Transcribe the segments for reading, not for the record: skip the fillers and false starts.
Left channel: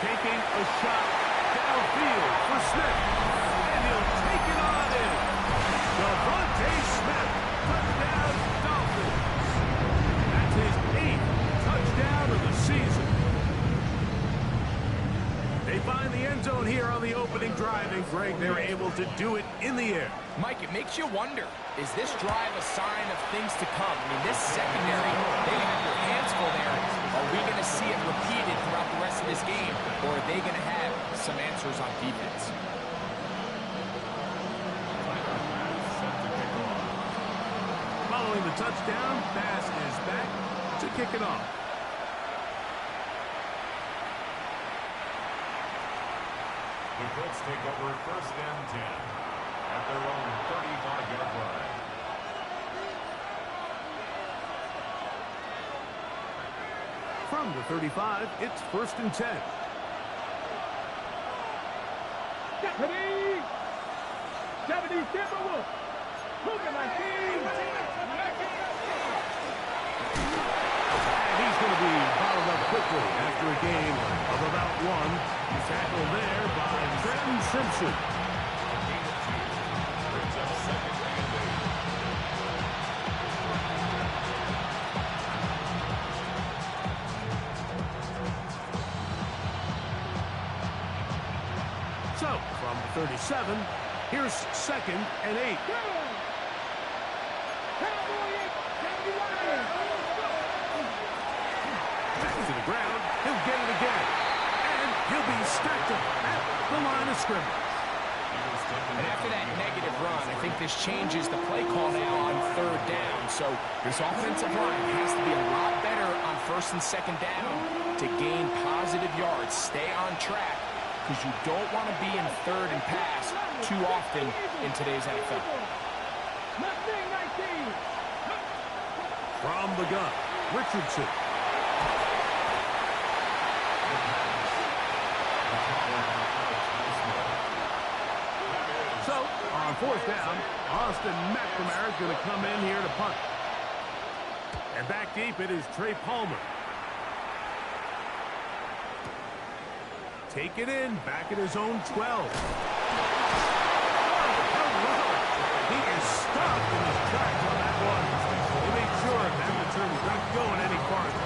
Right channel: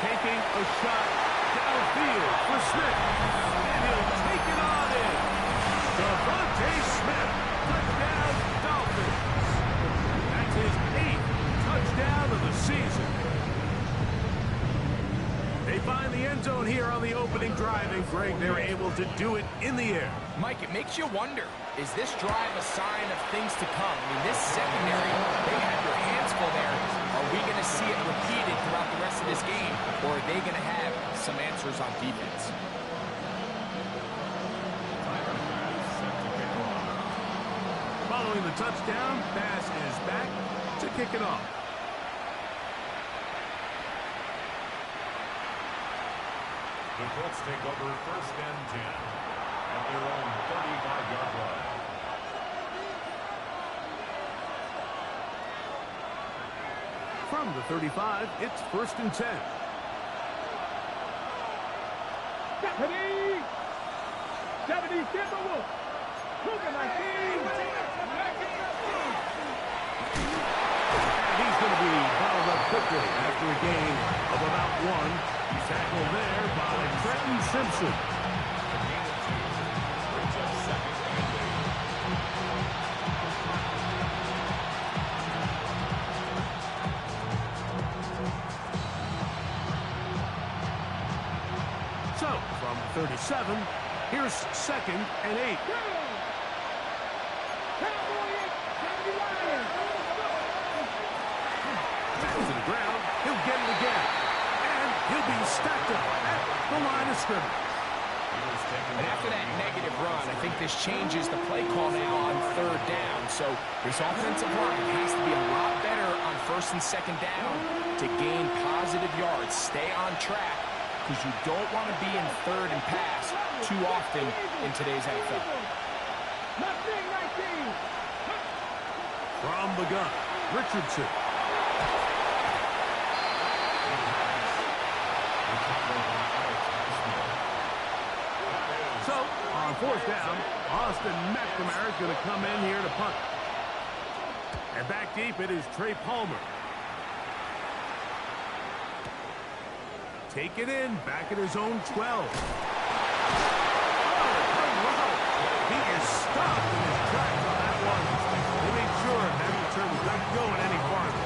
taking a shot downfield for Smith. And he'll take it on in. DeVonta Smith, touchdown Dolphins. That's his 8th touchdown of the season. They find the end zone here on the opening drive, and Greg, they're able to do it in the air. Mike, it makes you wonder, is this drive a sign of things to come? I mean, this secondary, they had their hands full there. Are we going to see it repeated throughout the rest of this game, or are they going to have some answers on defense? Following the touchdown, Bass is back to kick it off. The Colts take over 1st and 10 at their own 35-yard line. From the 35, it's 1st and 10. Deputy Timberwolf. Look at my team. And he's going to be bottled up quickly after a gain of about 1. He's tackled there by Trenton Simpson. A gain of 2 brings up 2nd and 8. So, from the 37, here's 2nd and 8. Back to the ground. He'll get it again. And he'll be stacked up at the line of scrimmage. And after that negative run, I think this changes the play call now on 3rd down. So this offensive line has to be a lot better on 1st and 2nd down to gain positive yards. Stay on track, because you don't want to be in 3rd and pass too often in today's NFL. From the gun, Richardson. So, on 4th down, Austin McNamara is going to come in here to punt. And back deep, it is Trey Palmer. Take it in, back at his own 12. Oh, hello. He is stopped in his tracks on that one. They made sure that return was not going any farther.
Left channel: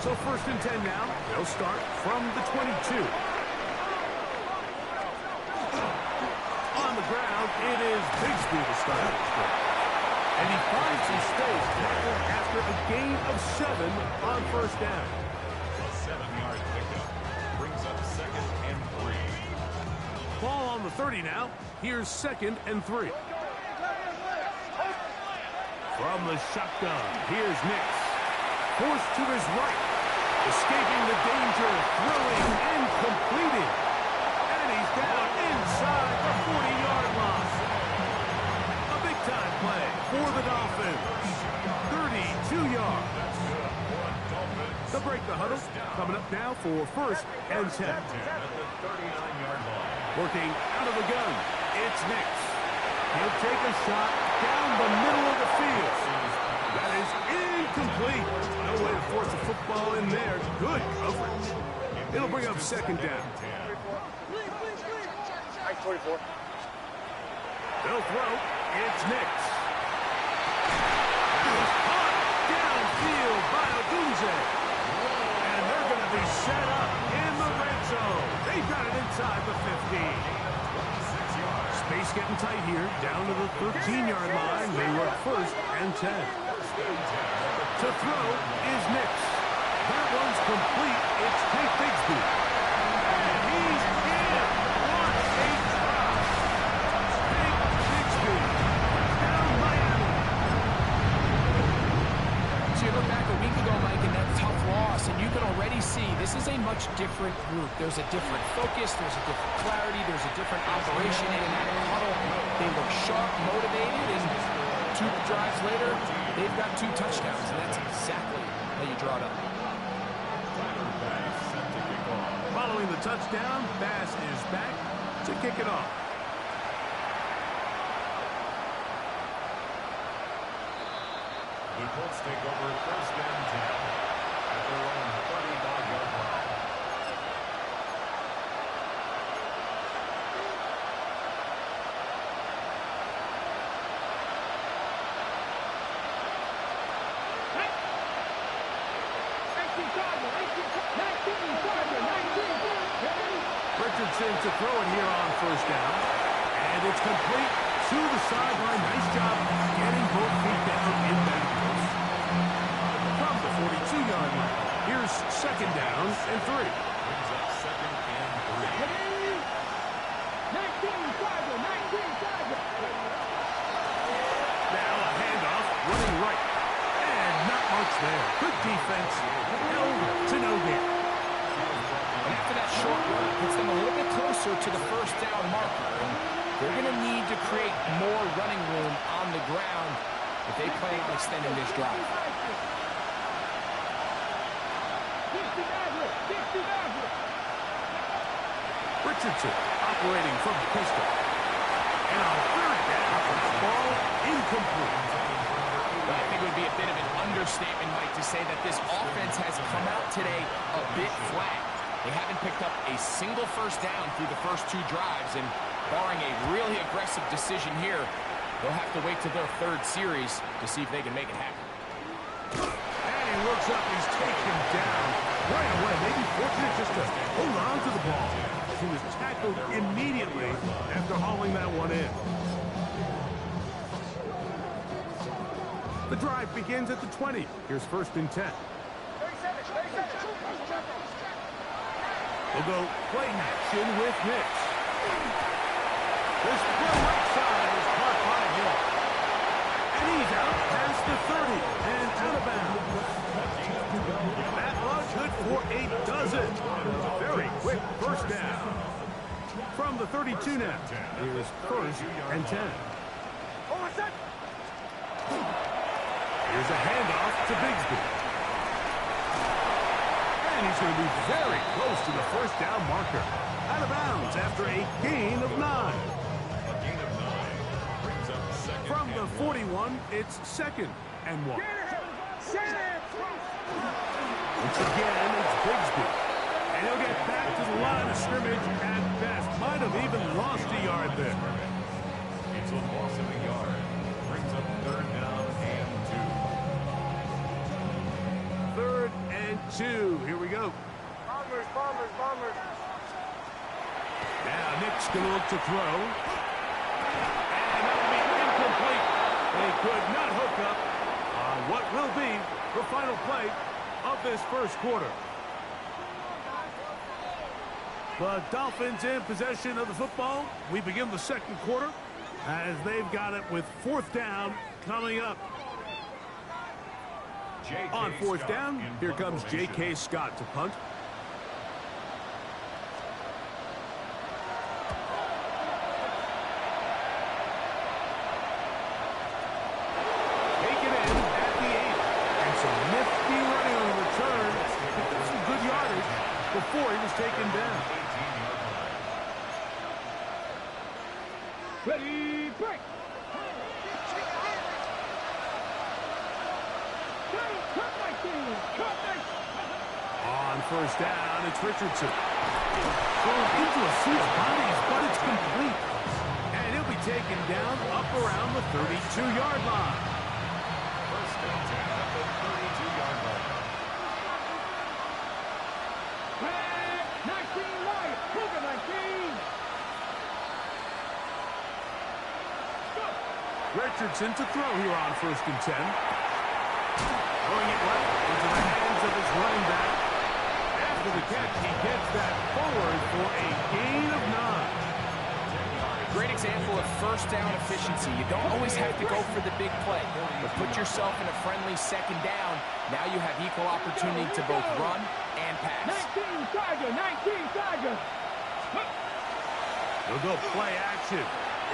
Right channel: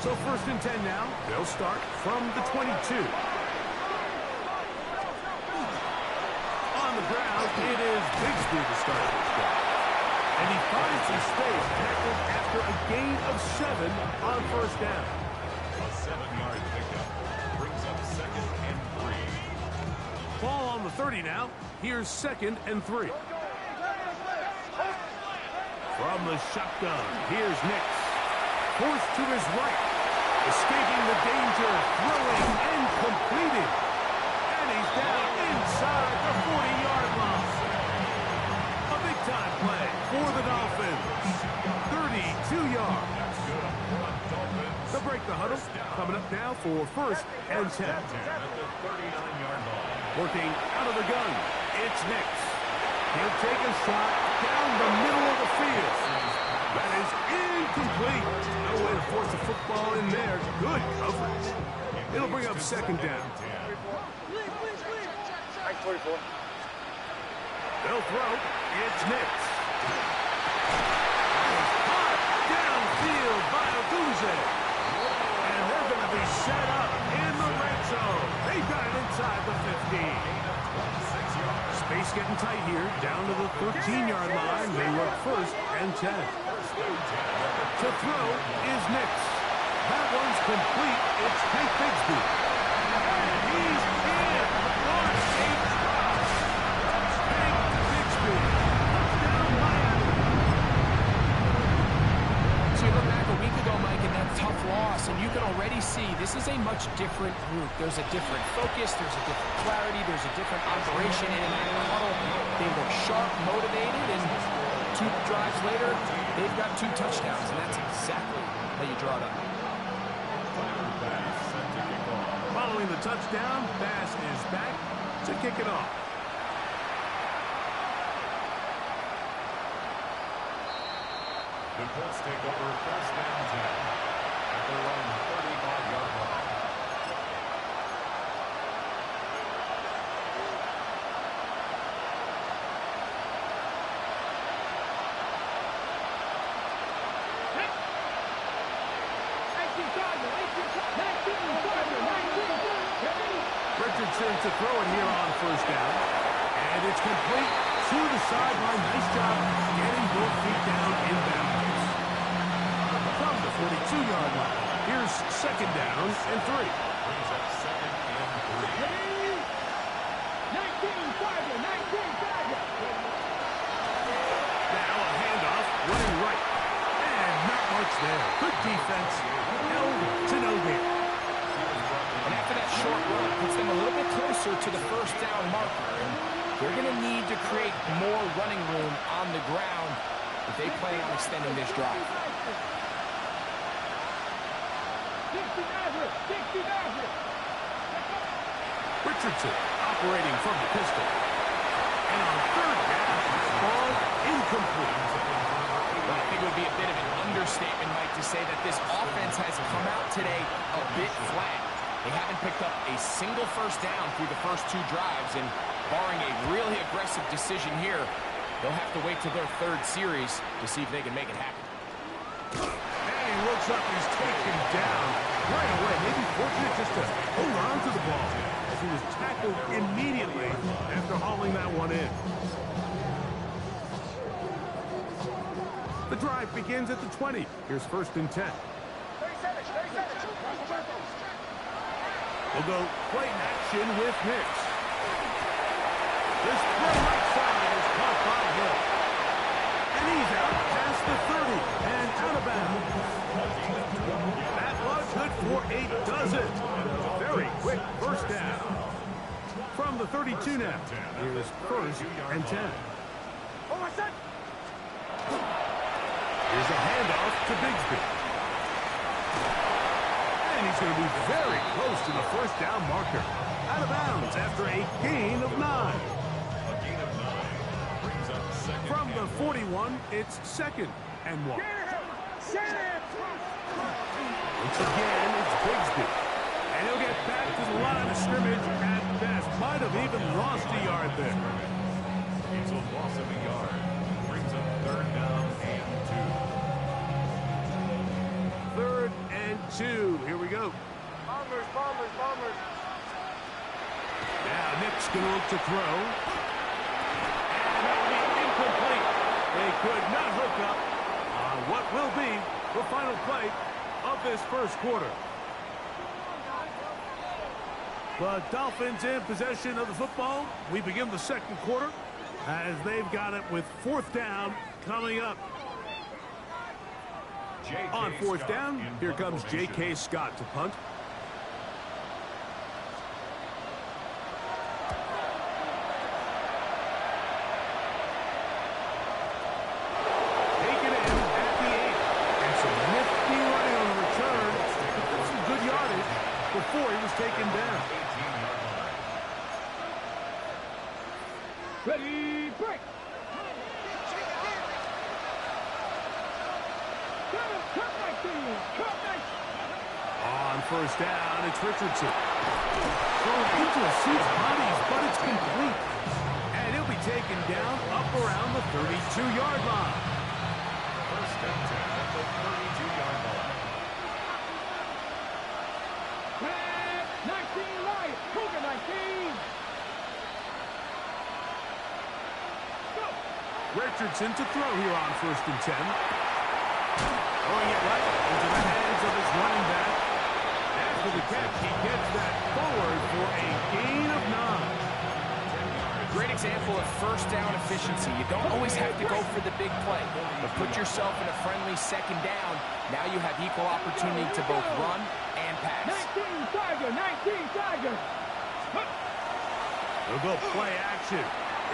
So 1st and 10 now. They'll start from the 22. On the ground, it is Bigsby to start this drive. And he finds his space, tackled after a gain of 7 on 1st down. A 7-yard pickup brings up 2nd and 3. Ball on the 30 now. Here's 2nd and 3. From the shotgun, here's Nix. Forced to his right. Escaping the danger, throwing and completing. And he's down inside the 40-yard line. A big-time play for the Dolphins. 32 yards. They'll break the huddle. Coming up now for 1st and 10. At the 39-yard line. Working out of the gun, it's Nix. He'll take a shot down the middle of the field. That is incomplete. No way to force the football in there. Good coverage. It'll bring up 2nd down. 44. They'll throw. It's Nix. He's caught downfield by Odunze. And they're going to be set up in the red zone. They've got it inside the 15. Space getting tight here. Down to the 13-yard line. They work 1st and 10. To throw is Nix. That one's complete. It's Tank Bigsby. And he's in. What a drop. Tank Bigsby. Touchdown Miami. So you look back a week ago, Mike, in that tough loss, and you can already see this is a much different group. There's a different focus. There's a different clarity. There's a different operation in and out of the huddle. They look sharp, motivated, and 2 drives later, they've got 2 touchdowns, and that's exactly how you draw it up. Following the touchdown, Bass is back to kick it off. The Colts take over first and 10 at their own 35-yard line. Richardson to throw it here on first down. And it's complete to the sideline. Nice job getting both feet down in bounds. From the 42-yard line, here's second down and 3. Brings up second and 3. 19, Tiger, 19, Tiger. Now a handoff, running right. And not much there. Good defense. Held to no gain. And after that short run, puts them a little bit closer to the first down marker. And they're going to need to create more running room on the ground if they plan on extending this drive. 60 Maverick, 60 Maverick. Richardson operating from the pistol. And on third down, ball incomplete. Well, I think it would be a bit of an understatement, Mike, to say that this offense has come out today a bit flat. They haven't picked up a single first down through the first 2 drives, and barring a really aggressive decision here, they'll have to wait to their third series to see if they can make it happen. And he looks up, he's taken down right away. Maybe fortunate just to hold on to the ball as he was tackled immediately after hauling that one in. The drive begins at the 20. Here's first and 10. 30 seconds, 30 seconds. We'll go play action with Nix. This throw right side is caught by Hill. And he's out past the 30 and out of bounds. That was good for a dozen. A very quick first down. From the 32 now, here's first and 10. Here's a handoff to Bigsby. And he's going to be very close to the first down marker. Out of bounds after a gain of 9. A gain of 9 brings up second. From the 41, it's second and 1. Once again, it's Bigsby. And he'll get back to the line of scrimmage at best. Might have even lost a yard there. It's a loss of a yard. Brings up third down and 2. Third and 2. Here we go. Bombers, bombers, bombers. Now Nick's going to look to throw. And that will be incomplete. They could not hook up on what will be the final play of this first quarter. The Dolphins in possession of the football. We begin the second quarter as they've got it with fourth down coming up. On fourth down, here comes J.K. Scott to punt. Taken in at the 8. And some nifty running on the return. Picked up some good yardage before he was taken down. 18-yard line. Ready, break. Cut my team. Cut my. On first down, it's Richardson. Thrown into a sea of bodies, but it's complete. And he'll be taken down up around the 32-yard line. First and 10 at the 32-yard line. Red, 19 right. Cougar 19. Go. Richardson to throw here on first and 10. Throwing it right into the hands of his running back. After the catch, he gets that forward for a gain of 9. Great example of first down efficiency. You don't always have to go for the big play, but put yourself in a friendly second down. Now you have equal opportunity to both run and pass. 19 Tiger, 19 Tiger. They'll go play action.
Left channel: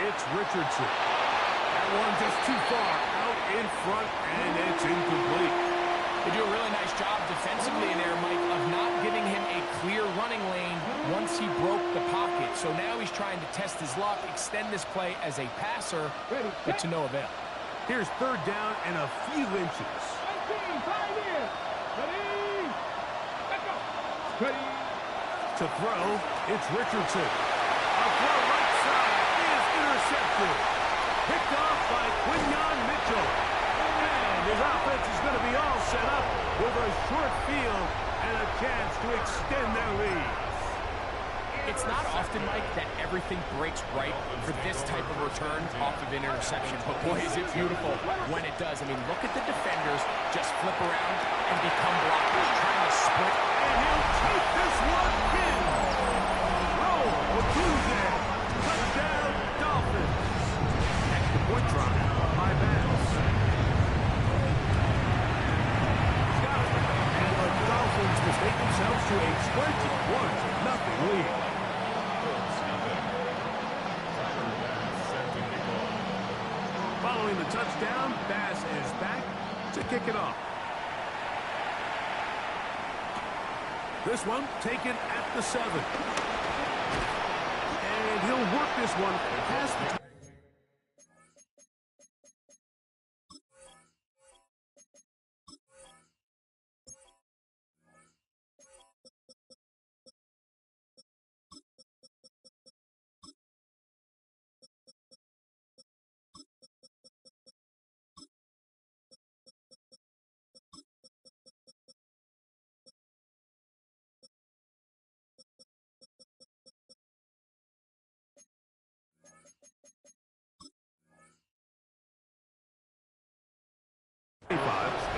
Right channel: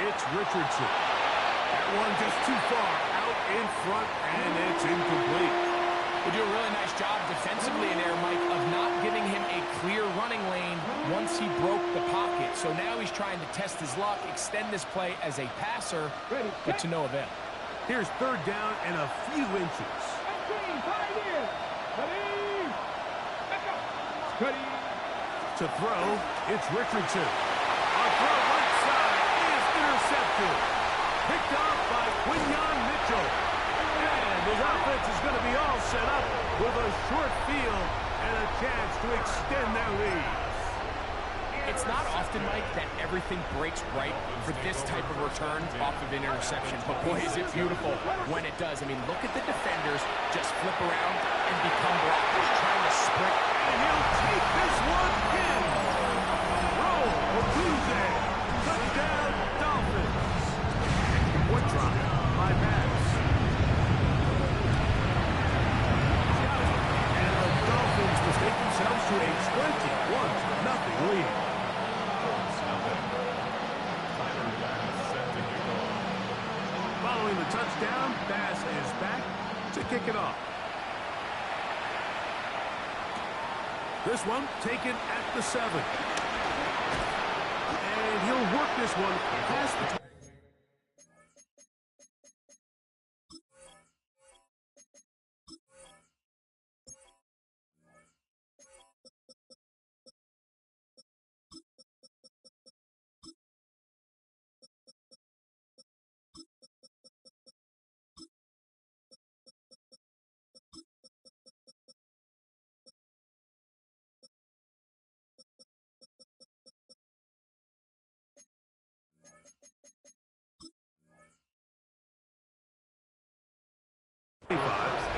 It's Richardson. That one just too far out in front, and it's incomplete. They do a really nice job defensively in there, Mike, of not giving him a clear running lane once he broke the pocket. So now he's trying to test his luck, extend this play as a passer, but to no avail. Here's third down and a few inches. 19, Pioneers. Ready. Let's go. Ready. To throw, it's Richardson. A throw right side is intercepted. Picked off by Quinyon Mitchell. And his offense is going to be all set up with a short field and a chance to extend their lead. It's not often, Mike, that everything breaks right for this type of return off of an interception. But boy, is it beautiful when it does. I mean, look at the defenders just flip around and become blockers, trying to sprint. And he'll take this one in. Roll, Otunze. Touchdown, Dolphins. Extra point try by Bass. He's got it. And the Dolphins mistake themselves to a 21-0 lead. Following the touchdown, Bass is back to kick it off. This one taken at the 7. And he'll work this one past the...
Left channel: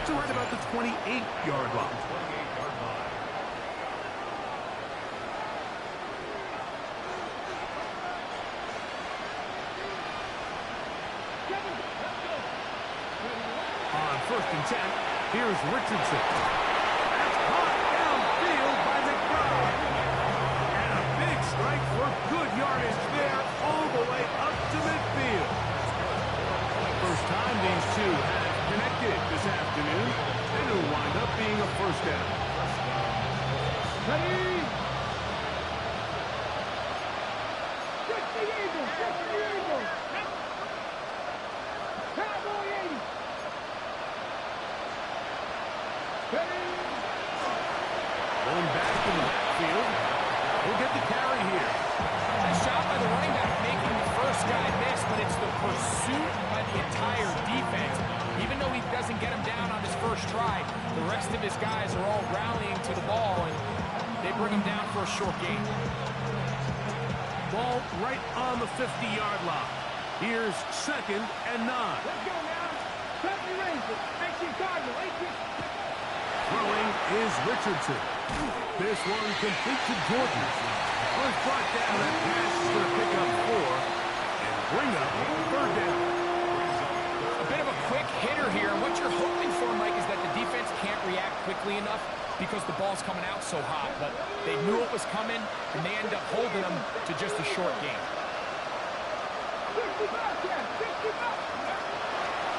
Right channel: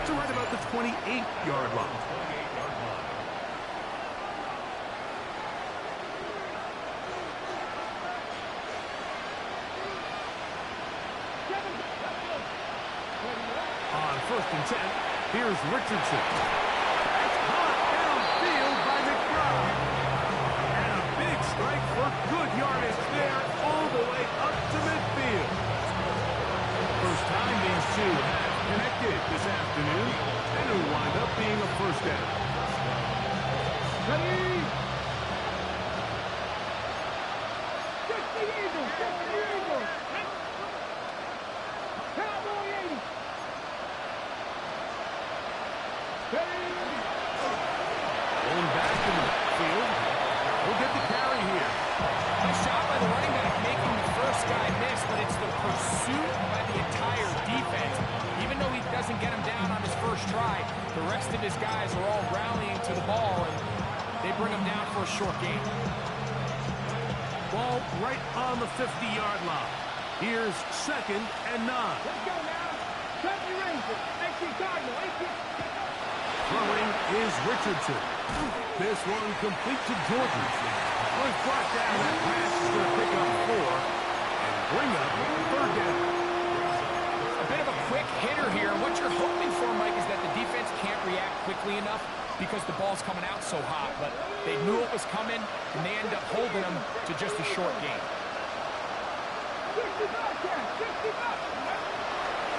to right about the 28-yard line. 28-yard line. On 1st and 10, here's Richardson. That's caught downfield by McBride. And a big strike for good yardage there all the way up to midfield. First time these two have connected this afternoon, and it'll wind up being a first down. Ready. Get the Eagles. Get the Eagles. Cowboy 80. Ready. Going back in the backfield. He'll get the carry here. Nice job by the running back making the first guy miss, but it's the pursuit by the entire defense. Even though he doesn't get him down on his first try, the rest of his guys are all rallying to the ball, and they bring him down for a short gain. Ball right on the 50-yard line. Here's 2nd and 9. Let's go now. 70 Rangers. 18 Cardinal. 18. Throwing is Richardson. This one complete to Georgia. Was brought down. That pass is going to pick up 4 and bring up 3rd down. A bit of a quick hitter here. What you're hoping for, Mike, is that the defense can't react quickly enough because the ball's coming out so hot. But they knew it was coming, and they end up holding them to just a short gain. 60 Bobcats. 60 Bobcats.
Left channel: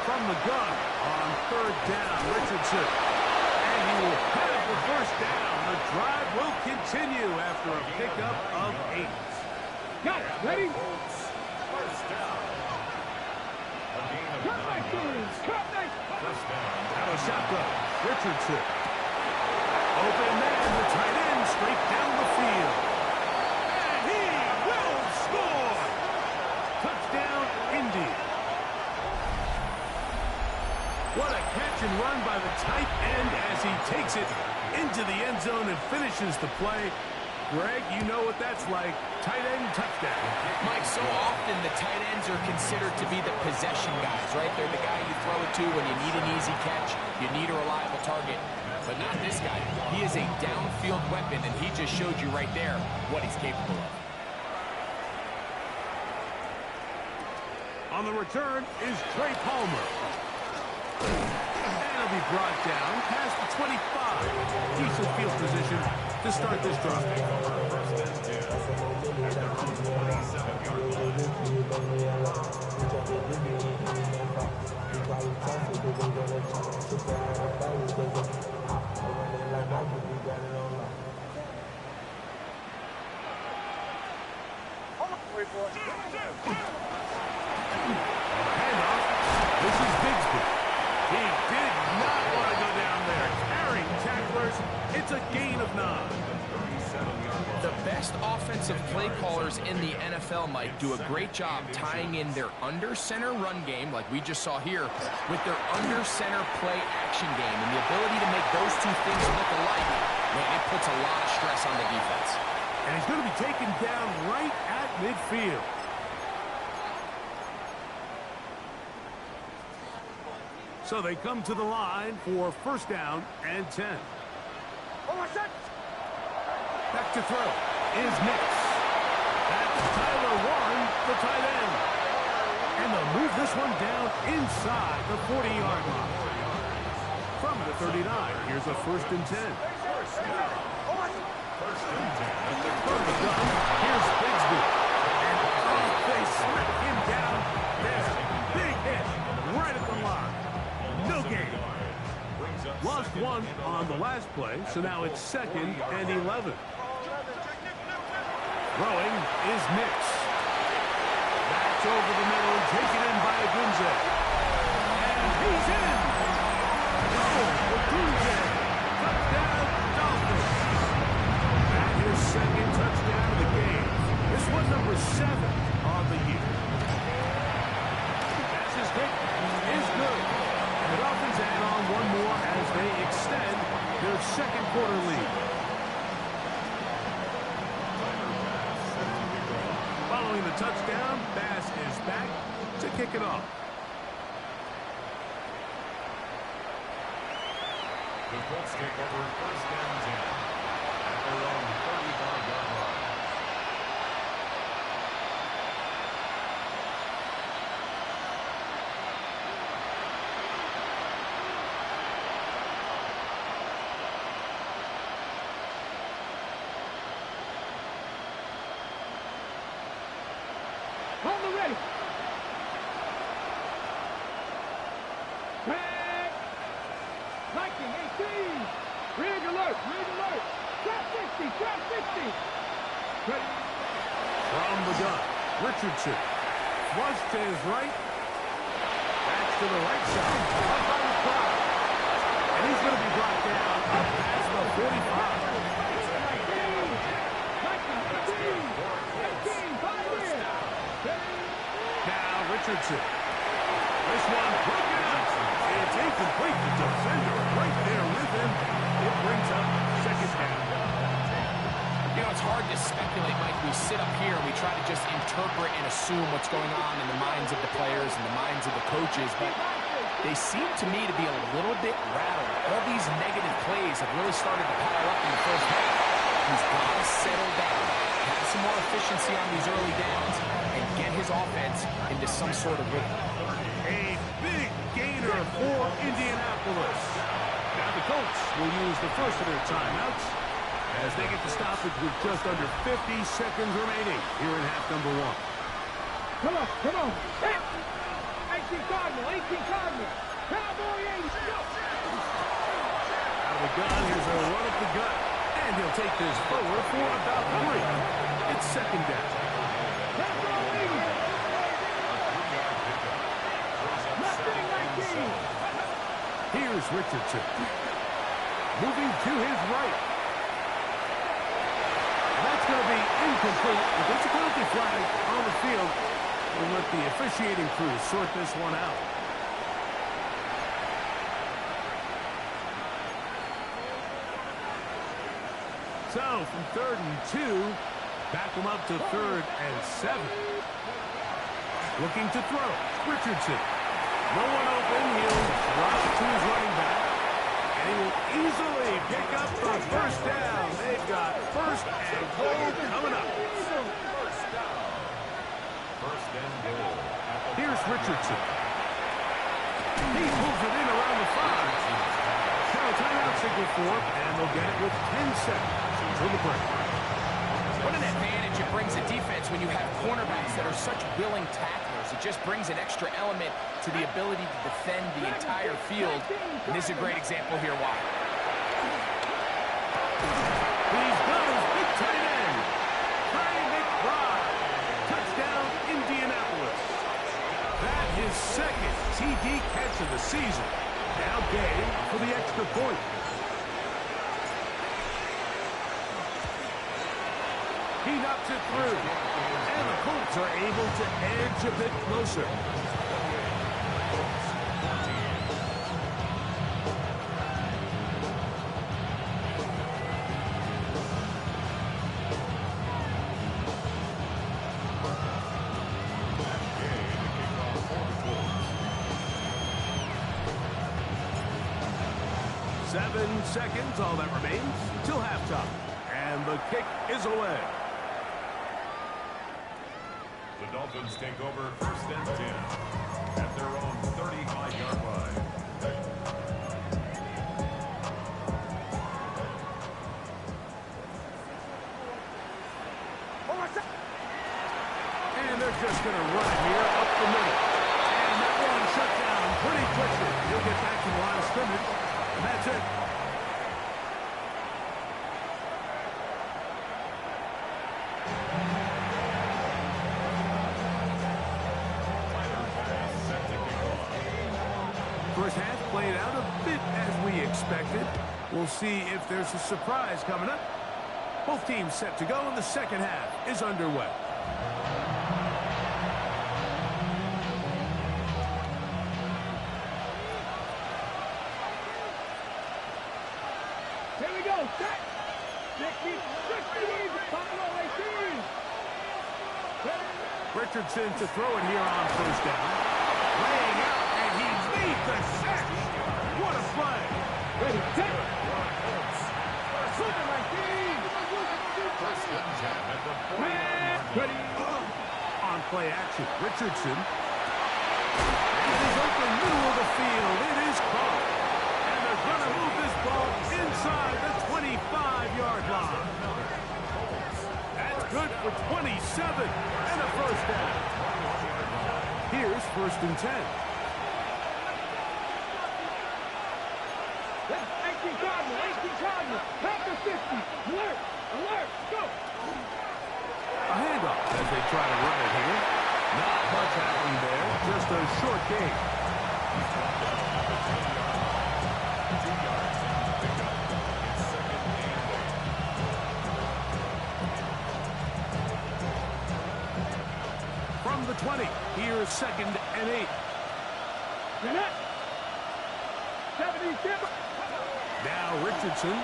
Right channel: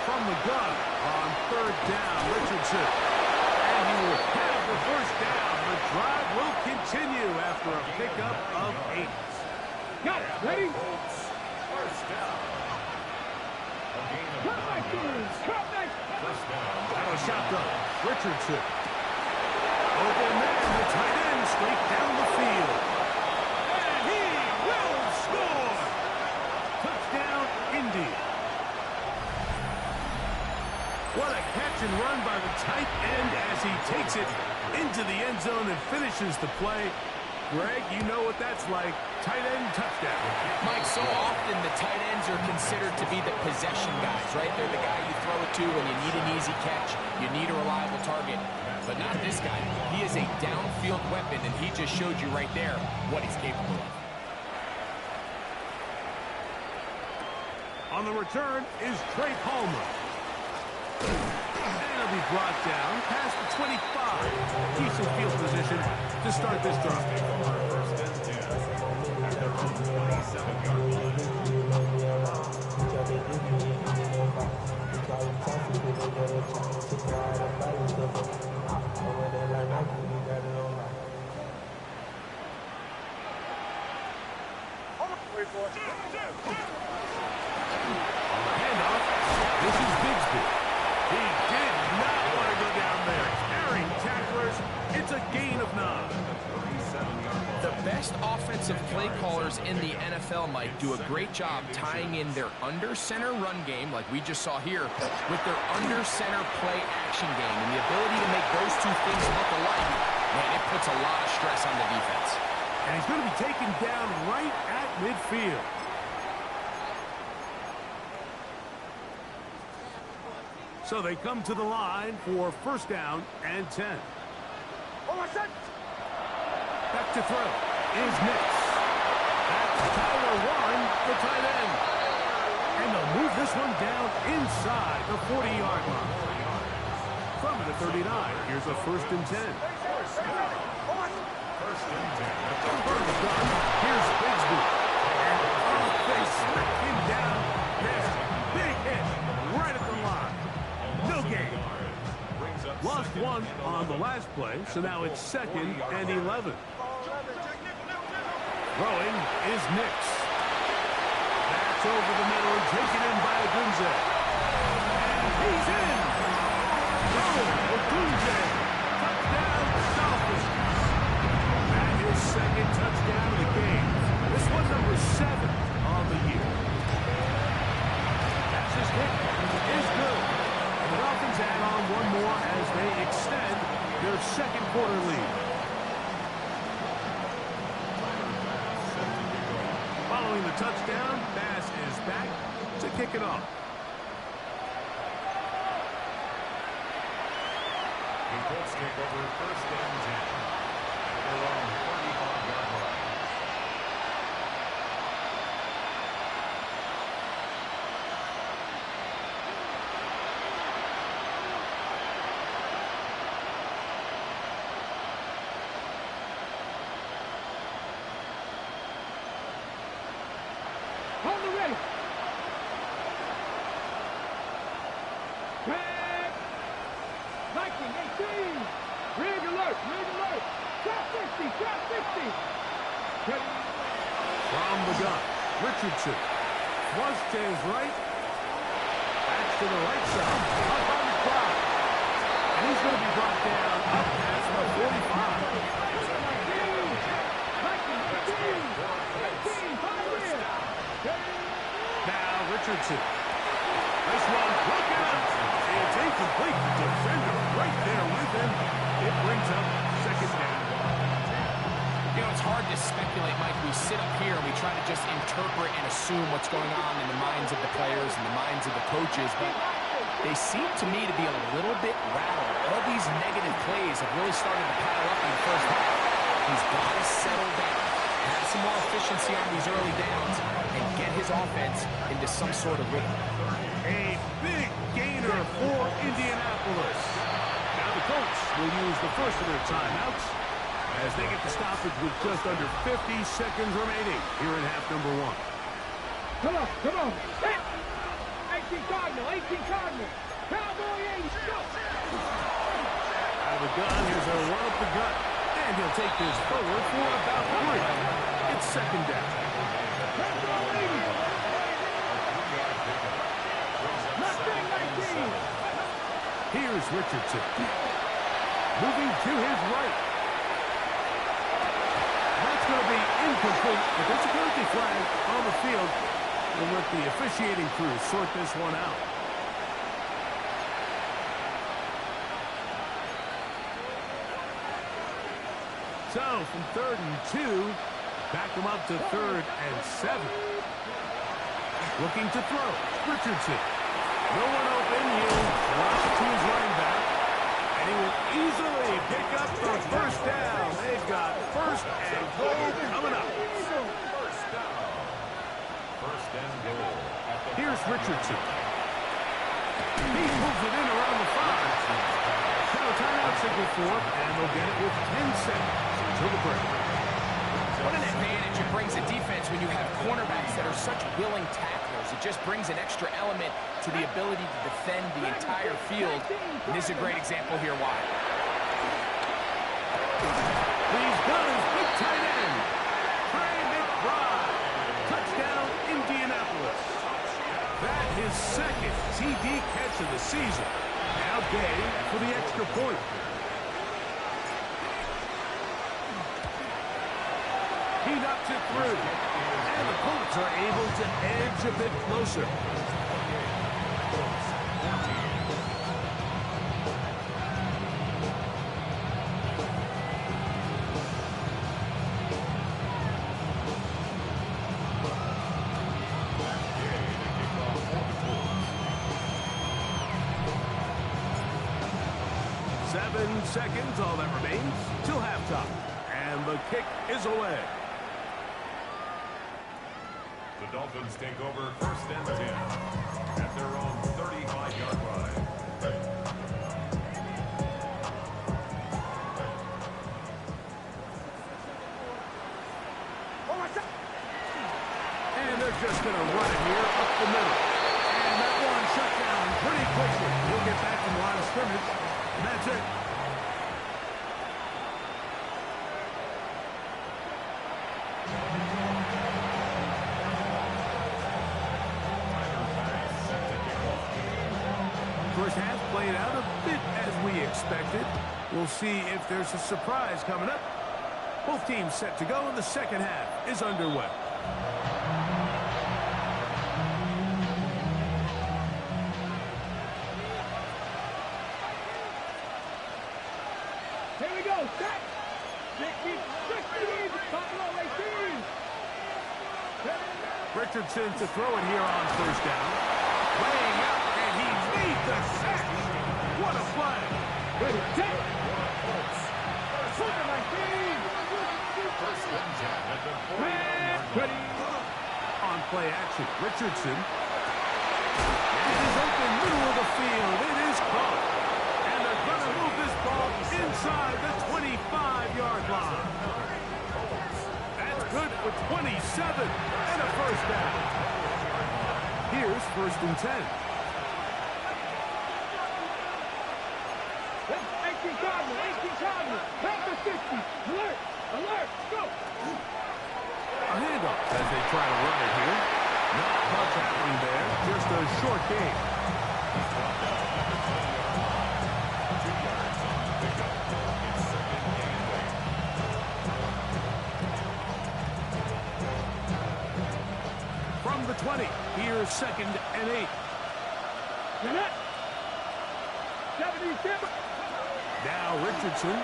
From the gun on 3rd down, Richardson. And he will have the first down. The drive will continue after a pickup of 8. Got it. Ready? First down. A gain of Cut 9 my teams. yards. Cut my... First down. Out of shotgun, Richardson. Open man, the tight end, straight down the field. And he will score! Touchdown, Indy. What a catch and run by the tight end as he takes it into the end zone and finishes the play. Greg, you know what that's like. Tight end touchdown. Mike, so often the tight ends are considered to be the possession guys, right? They're the guy you throw it to when you need an easy catch, you need a reliable target. But not this guy. He is a downfield weapon, and he just showed you right there what he's capable of. On the return is Trey Palmer. And he'll be brought down past the 25. Decent field position to start this drive. First and 10 at their own 27-yard line. On the handoff, this is Bigsby. He did not want to go down there. Carrying tacklers, it's a gain of 9. The best offensive play callers in the NFL, Mike, do a great job tying in their under-center run game, like we just saw here, with their under-center play action game. And the ability to make those two things look alike, man, it puts a lot of stress on the defense. And he's going to be taken down right at midfield. So they come to the line for first down and 10. Back to throw is Nix. That's Tyler Warren, the tight end. And they'll move this one down inside the 40-yard line. From the 39, here's a first and 10. From the gun, here's Bigsby. And they smack him down there. Big hit right at the line. No gain. Lost one on the last play, so now it's 2nd and 11. Throwing is Nix. That's over the middle, taken in by Odunze. And he's in. Oh, Odunze. Touchdown, Dolphins. That is 2nd touchdown of the game. This one number 7 of the year. Pass is kick is good. And the Dolphins add on one more as they extend their second quarter lead. Following the touchdown, Bass is back to kick it off. The Colts take over first and 10 at their own 35-yard line. Hold the ready. Back. Viking 18. Rig alert. Rig alert. Trap 50. Trap 50. Ready. From the gun, Richardson. Flush to his right. Backs to the right side. Up on the crowd. And he's going to be brought down up past the 45. 19. Viking 18. 18. 5 years. Now Richardson. This one broken up. It's incomplete. The defender right there with him. It brings up 2nd down. You know, it's hard to speculate, Mike. We sit up here and we try to just interpret and assume what's going on in the minds of the players and the minds of the coaches, but they seem to me to be a little bit rattled. All these negative plays have really started to pile up in the first half. He's got to settle down, have some more efficiency on these early downs, and get his offense into some sort of rhythm. A big gainer for Indianapolis. Now the Colts will use the first of their timeouts as they get the stoppage with just under 50 seconds remaining here in half number 1. Come on. Come on. 18 Cardinal. 18 Cardinal. Cowboy 80. Go. Out of the gun, here's a run up the gut. And he'll take this forward for about 3. It's 2nd down. Cowboy 80. Nothing 19. Here's Richardson. Moving to his right. And that's going to be incomplete, but there's a penalty flag on the field. We'll let the officiating crew sort this one out. So, from 3rd and 2, back him up to 3rd and 7. Looking to throw, Richardson. No one open, he'll drop to his running back. And he will easily pick up the first down. They've got 1st and goal coming up. First and goal. Here's Richardson. He pulls it in around the 5. Now a timeout signal for him, and they'll get it with 10 seconds until the break. What an advantage it brings a defense when you have cornerbacks that are such willing tacklers. It just brings an extra element to the ability to defend the entire field. And this is a great example here why. He's got his big tight end, Trey McBride. Touchdown, Indianapolis. That his second TD catch of the season. Now Gay for the extra point. He knocks it through. And the Colts are able to edge a bit closer. Seconds, all that remains till halftime. And the kick is away. The Dolphins take over 1st and 10 at their own 35-yard line. And they're just going to run it here up the middle. And that one shut down pretty quickly. He'll get back to the line of scrimmage. And that's it. First half played out a bit as we expected. We'll see if there's a surprise coming up. Both teams set to go, and the second half is underway. Here we go, set. 60, Buffalo 18. Richardson to throw it here on first down. Laying out, and he made the catch. What a play. Ready, set. Ready. On play action, Richardson. And it is open middle of the field. It is caught. And they're going to move this ball inside the 25-yard line. That's good for 27 and a first down. Here's 1st and 10. 18 Cardinals. Back to 50. Alert, go. A handoff as they try to run it here. Not much happening there. Just a short game. He's dropped down at the 20-yard line. 2 yards on the pickup. It's 2nd and 8. From the 20, here's 2nd and 8. Jeanette. 77. Now Richardson.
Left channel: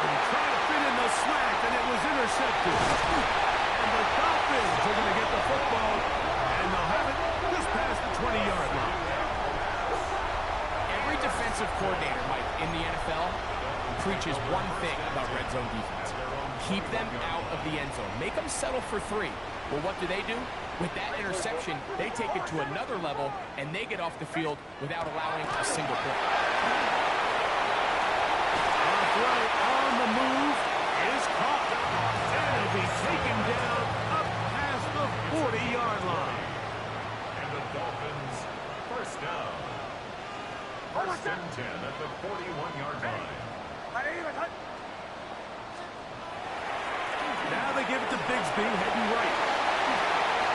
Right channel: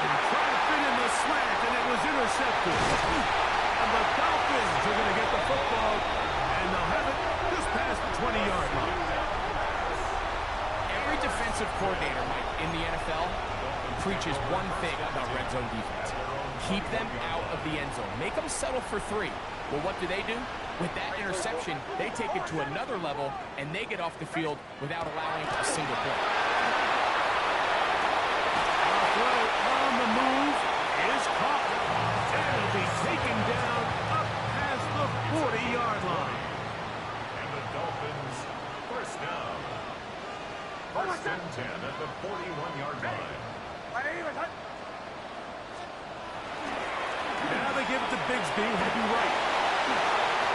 And trying to fit in the slant, and it was intercepted. And the Dolphins are going to get the football, and they'll have it just past the 20-yard line. Every defensive coordinator, Mike, in the NFL preaches one thing about red zone defense. Keep them out of the end zone. Make them settle for 3. Well, what do? With that interception, they take it to another level, and they get off the field without allowing a single point. Our throw on the move is caught. And it'll be taken down up past the 40-yard line. And the Dolphins, 1st down. 1st and 10 at the 41-yard line. Now they give it to Bigsby, heading right.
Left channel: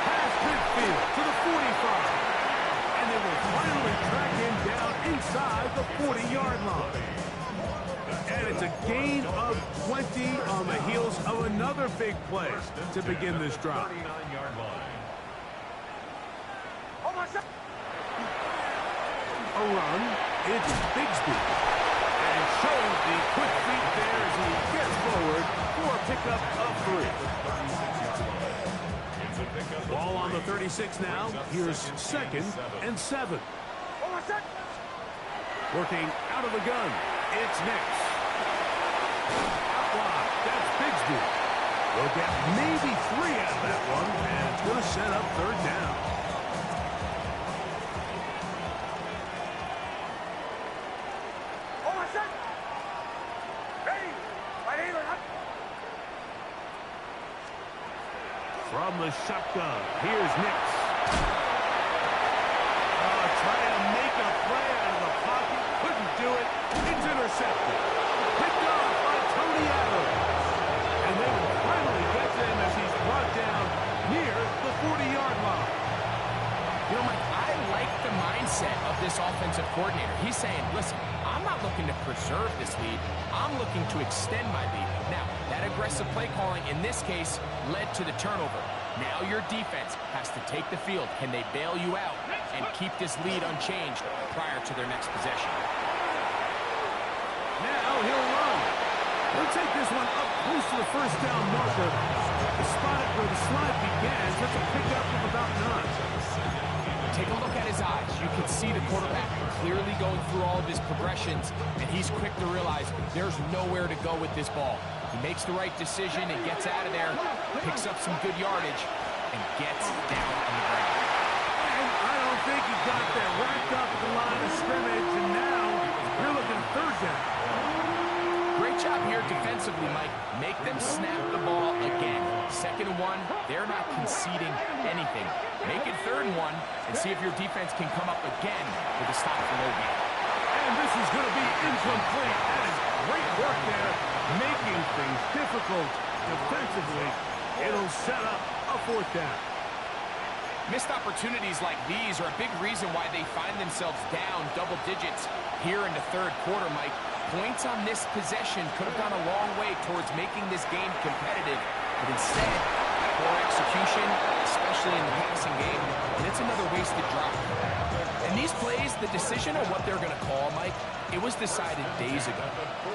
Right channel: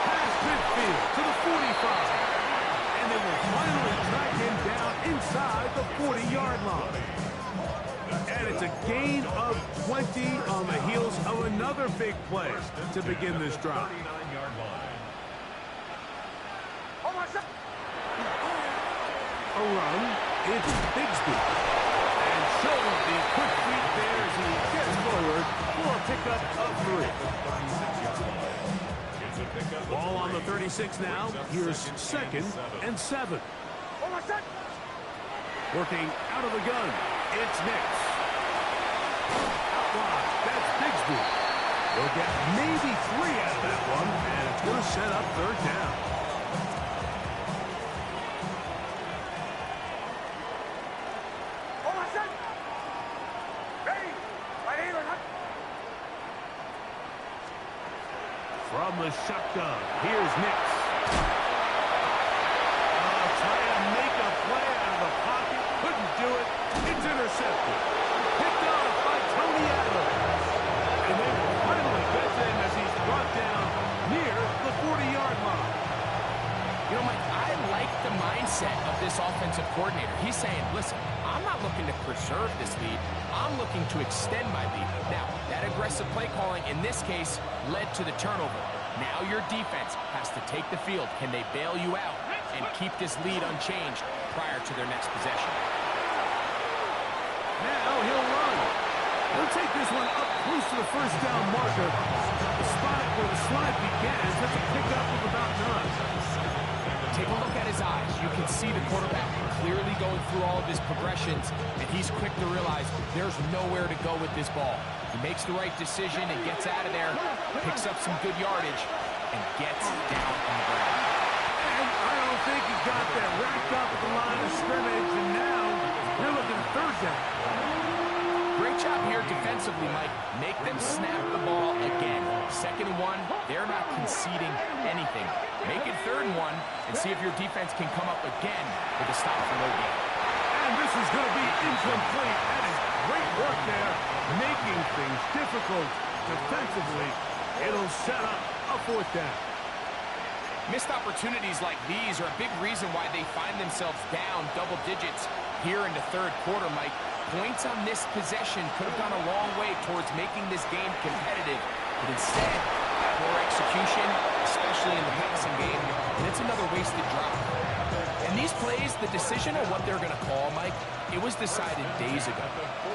Past midfield to the 45. And they will finally track him down inside the 40-yard line. And it's a gain of 20 on the heels of another big play to begin this drive. 39-yard line. A run, it's Bigsby. And showing the quick feet there as he gets forward for a pickup of 3. Ball on the 36 now. Here's 2nd and 7. Working out of the gun. It's Nix. Out wide. That's Bigsby. They'll get maybe 3 out of that one, and it's going to set up 3rd down. From the shotgun, here's Nix. Trying to make a play out of the pocket. Couldn't do it. It's intercepted. Picked off by Tony Adams. And they will finally get him as he's brought down near the 40-yard line. You know, Mike, I like the mindset of this offensive coordinator. He's saying, listen, I'm not looking to preserve this lead. I'm looking to extend my lead. Now, that aggressive play calling in this case led to the turnover. Now your defense has to take the field. Can they bail you out and keep this lead unchanged prior to their next possession? Now he'll run. He'll take this one up close to the first down marker. Spot it where the slide begins. That's a pickup of about 9. Take a look at his eyes. You can see the quarterback clearly going through all of his progressions, and he's quick to realize there's nowhere to go with this ball. He makes the right decision and gets out of there, picks up some good yardage, and gets down on the ground. And I don't think he got that wrapped up at the line of scrimmage, and now you're looking at third down. Great job here defensively, Mike. Make them snap the ball again. 2nd and 1, they're not conceding anything. Make it 3rd and 1 and see if your defense can come up again with a stop for no gain. And this is going to be incomplete. That is great work there, making things difficult defensively. It'll set up a 4th down. Missed opportunities like these are a big reason why they find themselves down double digits here in the 3rd quarter, Mike. Points on this possession could have gone a long way towards making this game competitive, but instead, poor execution, especially in the passing game, and it's another wasted drive. And these plays, the decision on what they're going to call, Mike, it was decided days ago.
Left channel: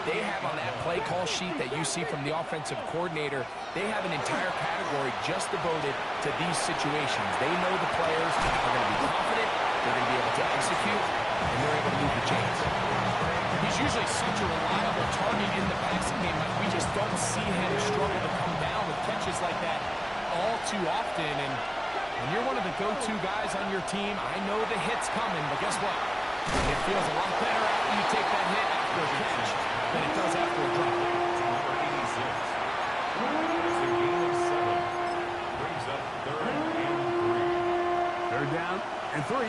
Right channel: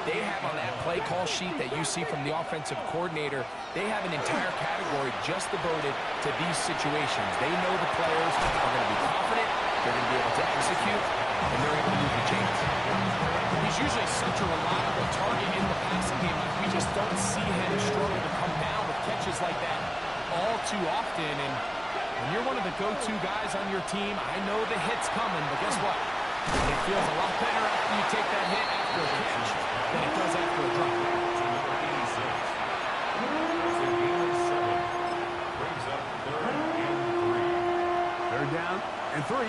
They have on that play call sheet that you see from the offensive coordinator, they have an entire category just devoted to these situations. They know the players are going to be confident, they're going to be able to execute, and they're able to move the chains. He's usually such a reliable target in the passing game. Like, we just don't see him struggle to come down with catches like that all too often. And when you're one of the go-to guys on your team, I know the hit's coming, but guess what? It feels a lot better after you take that hit after a catch than it does after a drop. Number 86. It's a game of 7. Brings up 3rd and 3. 3rd down and 3.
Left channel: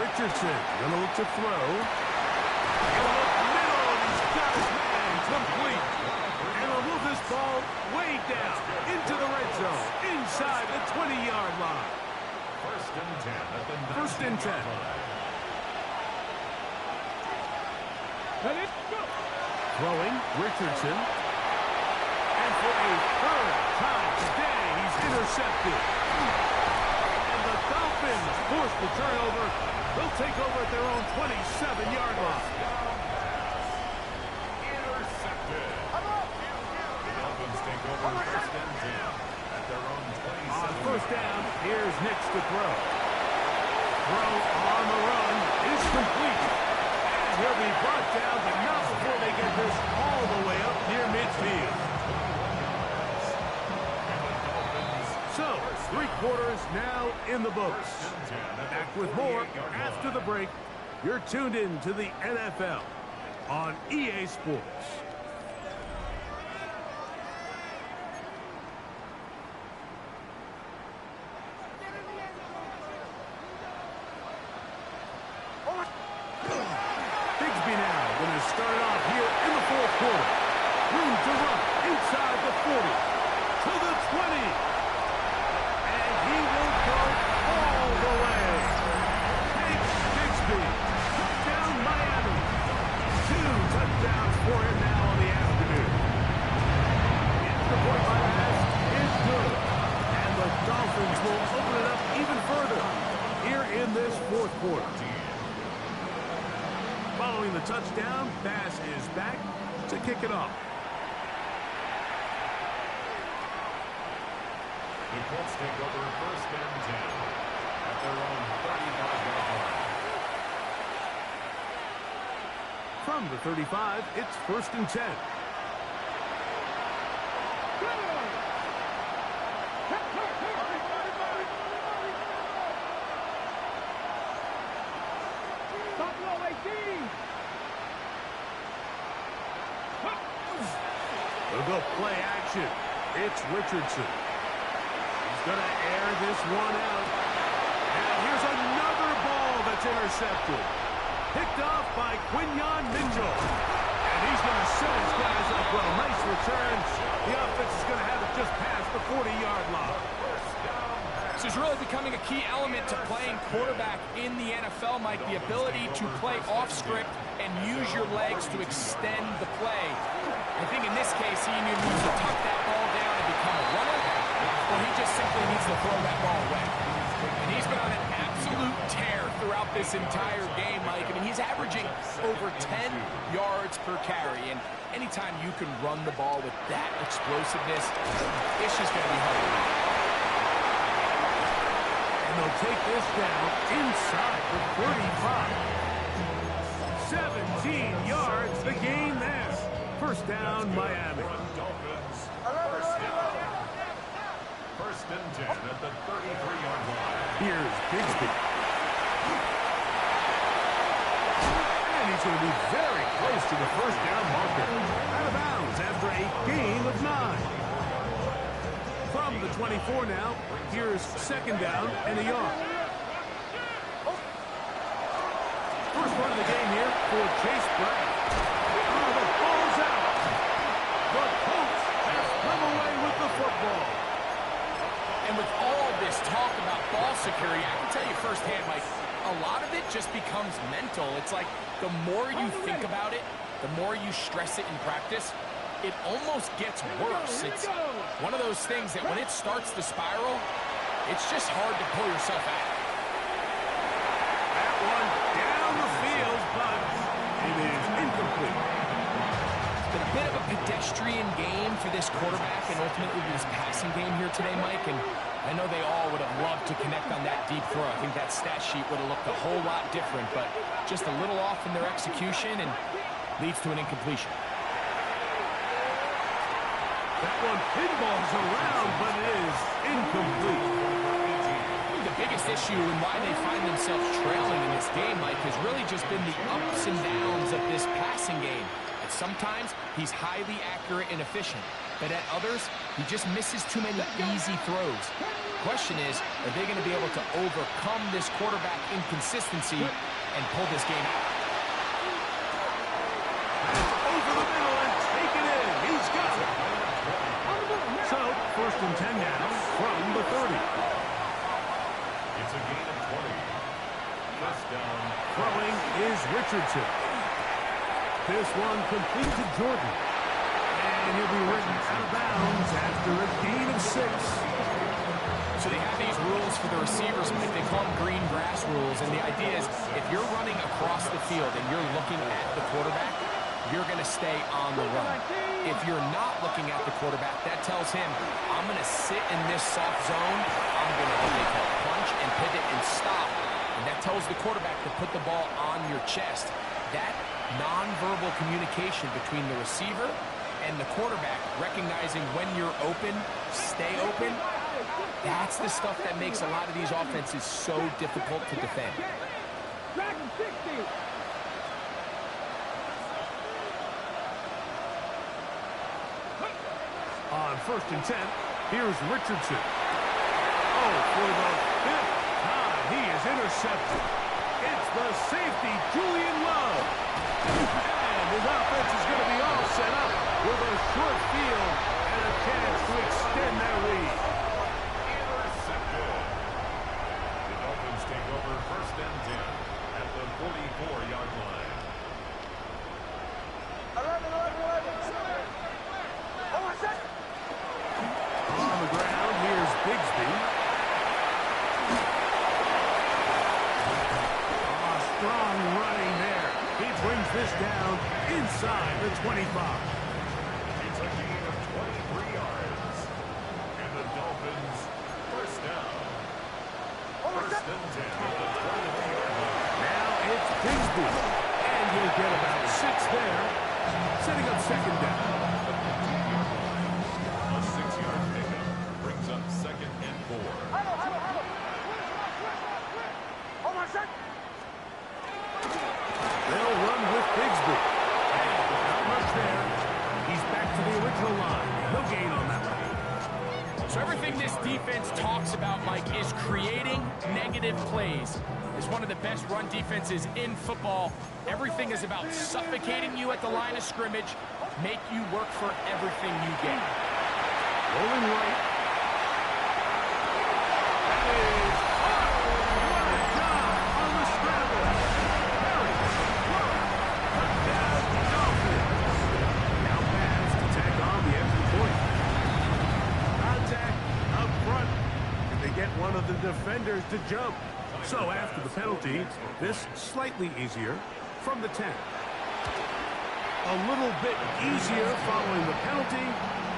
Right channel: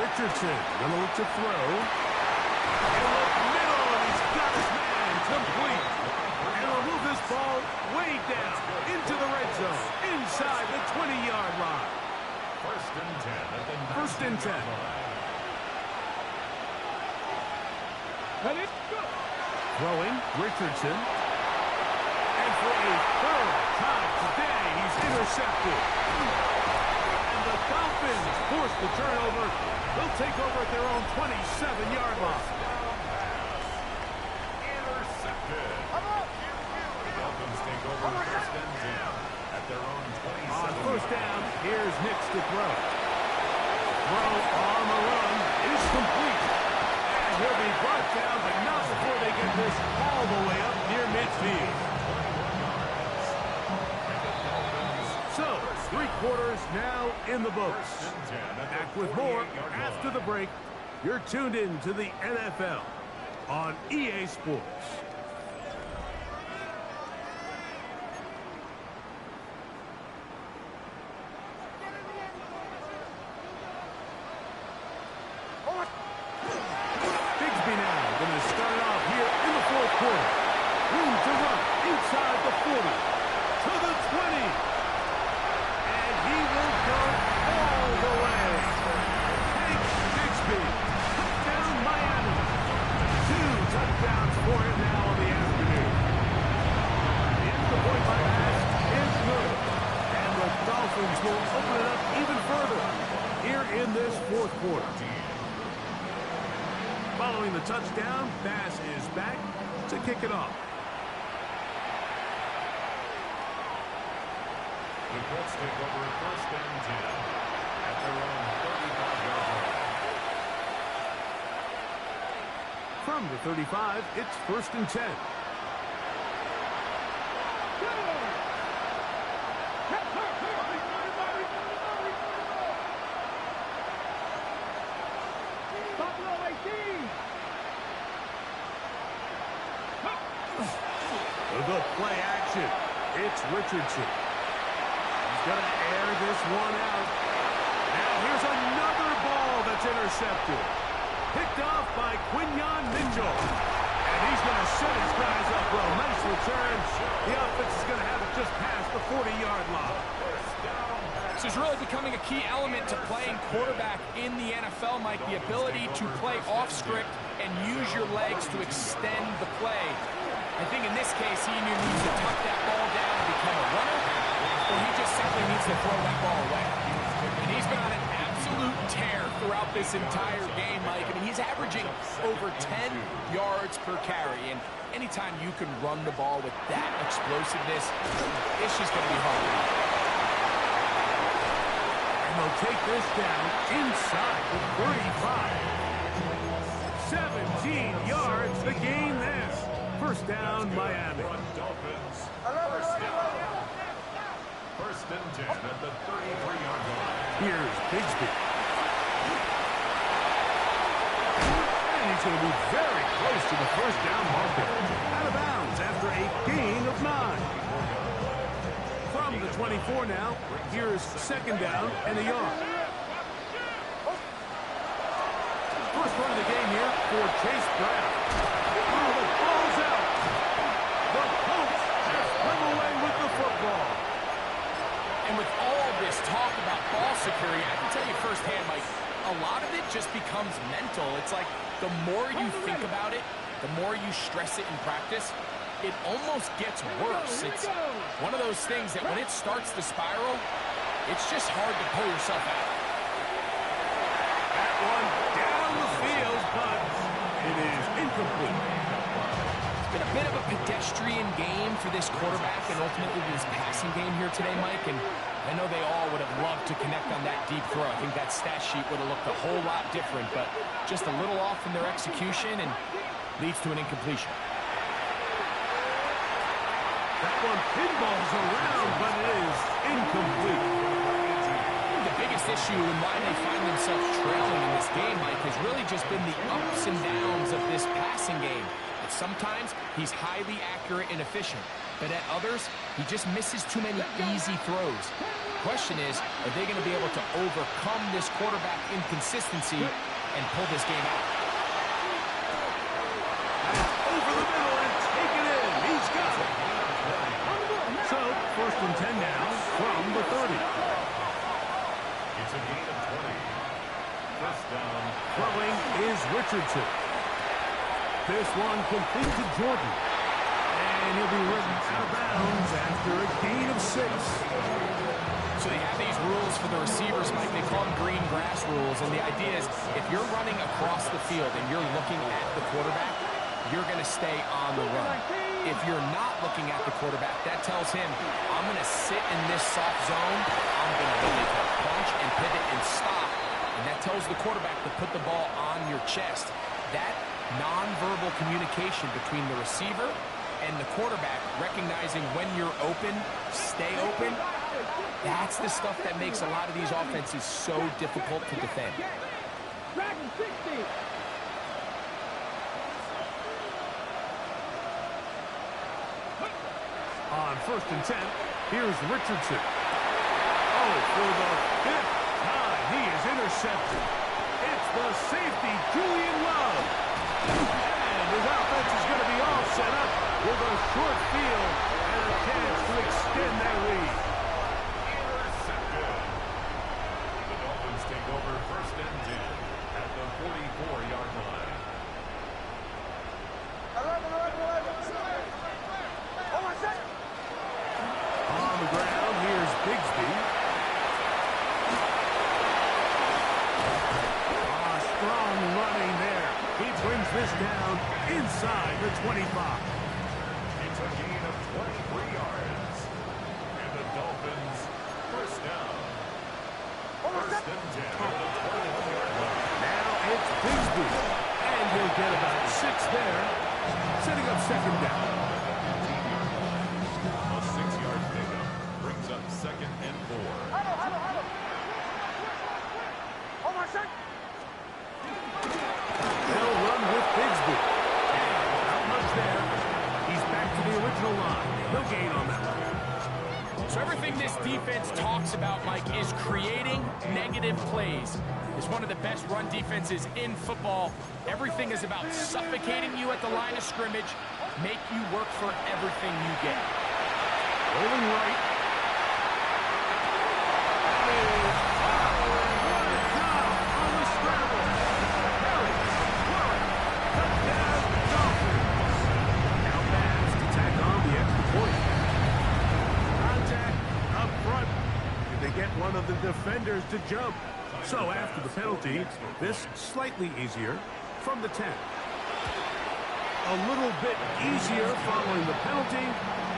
Richardson gonna look to throw. He'll look middle, and he's got his man complete. And he'll move this ball way down into the red zone, inside the 20-yard line. 1st and 10 at the 1st and 10. Throwing, Richardson. And for a 3rd time today, he's intercepted. The Dolphins force the turnover. They'll take over at their own 27-yard line. Intercepted. The Dolphins take over 1st and 10 at their own 27. On 1st down, here's Nix to throw. Throw on the run is complete. And he'll be brought down, but not before they get this all the way up near midfield. So, 3 quarters now in the books. Back with more after the break. You're tuned in to the NFL on EA Sports. Bigsby now going to start it off here in the 4th quarter. Room to run inside the 40 to the 20. He will go all the way. Take Bigsby. Touchdown, Miami. 2 touchdowns for him now on the afternoon. The extra point by pass is good. And the Dolphins will open it up even further here in this 4th quarter. Following the touchdown, Bass is back to kick it off. The Colts take over 1st and 10 at their own 35-yard line. From the 35, it's 1st and 10. They'll go play action. It's Richardson. He's going to air this one out. Now here's another ball that's intercepted. Picked off by Quinyon Mitchell. And he's going to set his guys up well. Nice return. The offense is going to have it just past the 40-yard line. This is really becoming a key element to playing quarterback in the NFL, Mike, the ability to play off script and use your legs to extend the play. I think in this case, he needs to tuck that ball down and become a runner, or he just simply needs to throw that ball away. And he's been on an absolute tear throughout this entire game, Mike. I mean, he's averaging over 10 yards per carry, and anytime you can run the ball with that explosiveness, it's just going to be hard to beat. And they'll take this down inside the 35. 17 yards, the gain there. First down, Miami. First and 10 at the 33-yard line. Here's Bigsby. And he's going to be very close to the first down marker. Out of bounds after a gain of 9. From the 24 now, here's second down and a yard. First run of the game here for Chase Brown. Oh, the ball's out. The Colts have come away with the football. And with all this talk about ball security, I can tell you firsthand, Mike, a lot of it just becomes mental. It's like the more you think about it, the more you stress it in practice, it almost gets worse. It's one of those things that when it starts to spiral, it's just hard to pull yourself out. That one down the field, but it is incomplete. It's been a bit of a pedestrian game for this quarterback and ultimately this passing game here today, Mike. And I know they all would have loved to connect on that deep throw. I think that stat sheet would have looked a whole lot different, but just a little off in their execution and leads to an incompletion. That one pinballs around, but it is incomplete. The biggest issue and why they find themselves trailing in this game, Mike, has really just been the ups and downs of this passing game. At sometimes, he's highly accurate and efficient, but at others, he just misses too many easy throws. The question is, are they going to be able to overcome this quarterback inconsistency and pull this game out? Over the middle and take it in. He's got it. So, first and 10 now from the 30. It's a gain of 20. First down. Throwing is Richardson. This one complete to Jordan. And he'll be written out of bounds after a gain of 6. So they have these rules for the receivers, Mike. They call them green grass rules. And the idea is if you're running across the field and you're looking at the quarterback, you're going to stay on the run. If you're not looking at the quarterback, that tells him, I'm going to sit in this soft zone. I'm going to what they call punch and pivot and stop. And that tells the quarterback to put the ball on your chest. That nonverbal communication between the receiver and the quarterback, recognizing when you're open, stay open, that's the stuff that makes a lot of these offenses so difficult to defend. Dragon 60. On first and 10, here's Richardson. Oh, for the 5th time, he is intercepted. It's the safety, Julian Love. And his offense is going to be all set up with a short field and a chance to extend their lead. Intercepted. The Dolphins take over first and 10 at the 44-yard line. 11. On the ground, here's Bigsby. Strong running there. He brings this down inside the 25. It's a gain of 23 yards. And the Dolphins first down. First and 10 at the 21-yard line. Now it's Bigsby. And he'll get about 6 there, setting up second down. A 6-yard pickup brings up second and 4. They'll run with Bigsby. And not much there. He's back to the original line. No gain on that one. So So everything this defense talks about, Mike, is creating negative plays. It's one of the best run defenses in football. Everything is about suffocating you at the line of scrimmage, make you work for everything you get. Rolling right. That is hot. What a job on the scramble. Harry, Flurry, touchdown, Dolphins. Now Bass to tack on the extra point. Contact up front. Did they get one of the defenders to jump? So after the penalty, this slightly easier from the 10. A little bit easier following the penalty,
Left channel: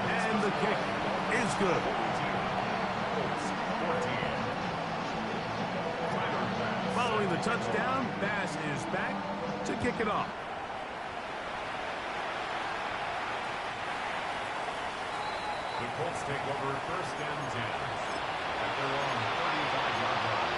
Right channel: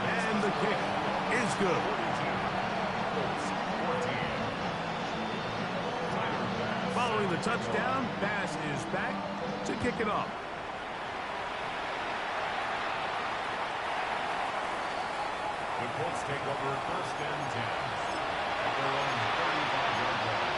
and the kick is good. Following the touchdown, Bass is back to kick it off. The Colts take over 1st and 10 at their own 35-yard line.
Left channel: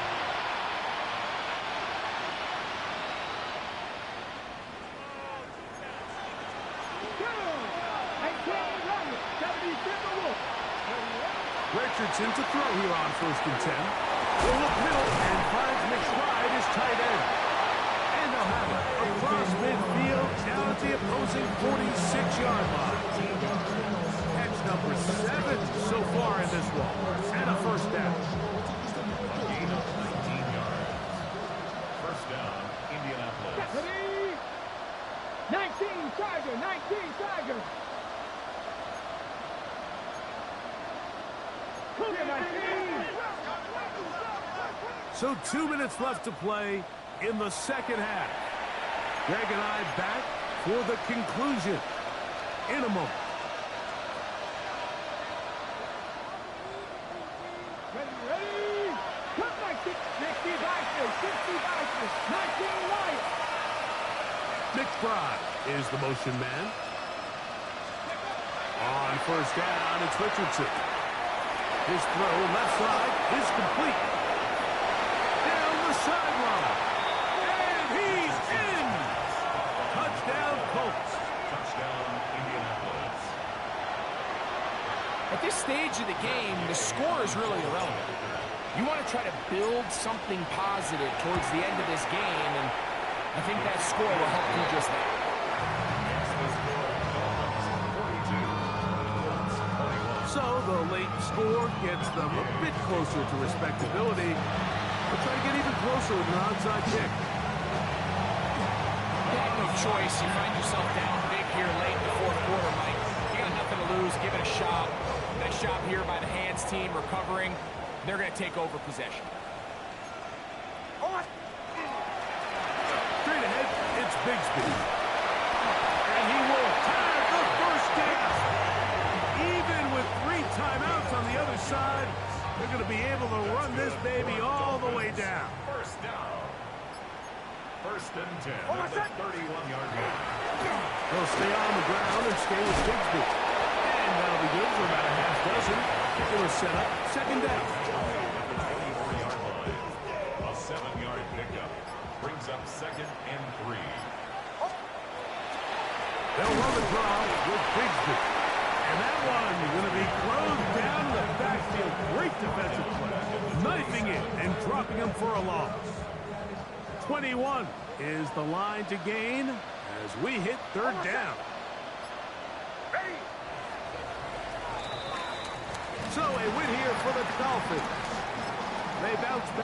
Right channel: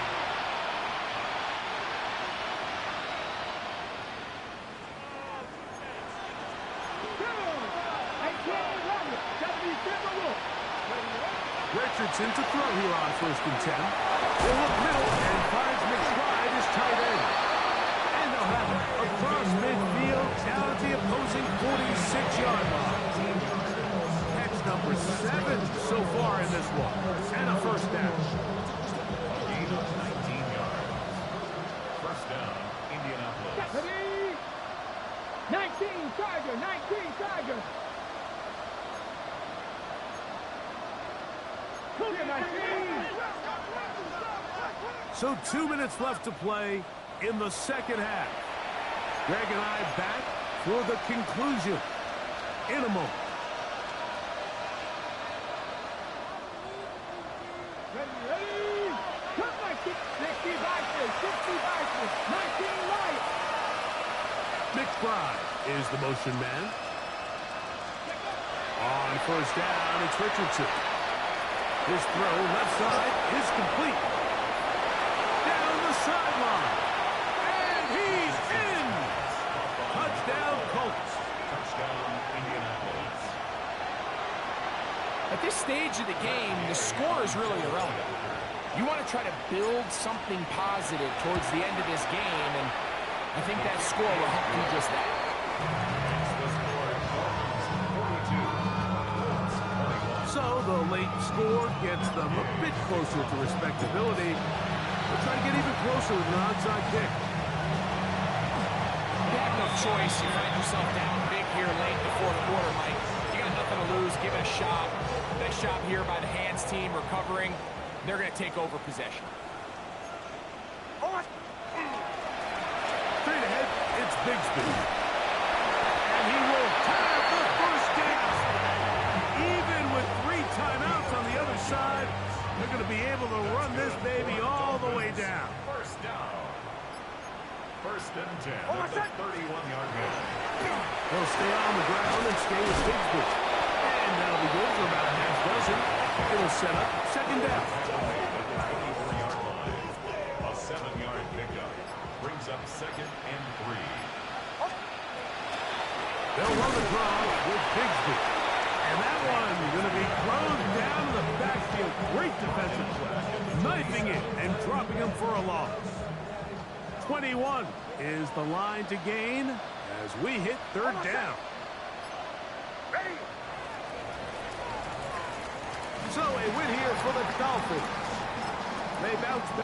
Richardson to throw here on 1st and 10. He'll look middle and finds McBride his tight end. And they'll have it across midfield down at the opposing 46-yard line. Catch number 7 so far in this one. And a 1st down. A gain of 19 yards. 1st down, Indianapolis. Ready? 19 Tiger, 19 Tiger. So 2 minutes left to play in the second half. Greg and I back for the conclusion in a moment. Ready? Cut my 60 Vikings, 60 Vikings, 19 Lions. McBride is the motion man. On 1st down, it's Richardson. His throw left side is complete. Down the sideline. And he's in. Touchdown, Colts. Touchdown, Indianapolis. At this stage of the game, the score is really irrelevant. You want to try to build something positive towards the end of this game, and I think that score will help do just that. It's the score, Dolphins 42, Colts 21. So the late score gets them a bit closer to respectability. They'll try to get even closer with an onside kick. You have no choice. You find yourself down big here late in the 4th quarter, Mike. You got nothing to lose. Give it a shot. Nice job here by the hands team recovering. They're going to take over possession. Straight ahead, it's Bigsby. And he will have the 1st down. Even with 3 timeouts on the other side, they're going to be able to run this baby all the way down. 1st down. 1st and 10 at the 31-yard line. They'll stay on the ground and stay with Bigsby. And that'll be good for about a half dozen. It'll set up 2nd down. At the 24-yard line. A 7-yard pickup brings up 2nd and 3. They'll run the draw with Bigsby. And that one going to be closed down in the backfield. Great defensive play. Knifing it and dropping him for a loss. 21 is the line to gain as we hit 3rd down. Ready? So a win here for the Dolphins. They bounce back.